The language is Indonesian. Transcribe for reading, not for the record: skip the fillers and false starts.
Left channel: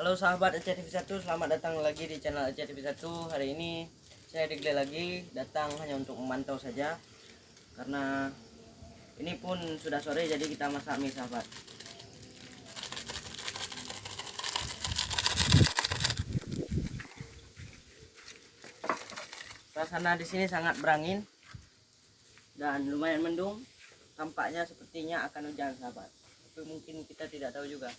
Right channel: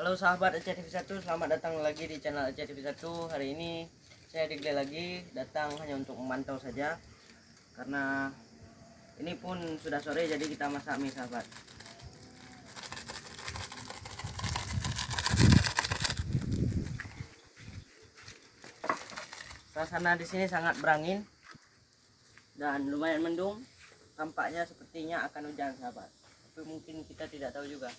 Halo sahabat Aceh TV1, selamat datang lagi di channel Aceh TV1. Hari ini saya Digle lagi datang hanya untuk memantau saja, karena ini pun sudah sore, jadi kita masak mie sahabat. Suasana di sini sangat berangin dan lumayan mendung. Tampaknya sepertinya akan hujan sahabat, tapi mungkin kita tidak tahu juga.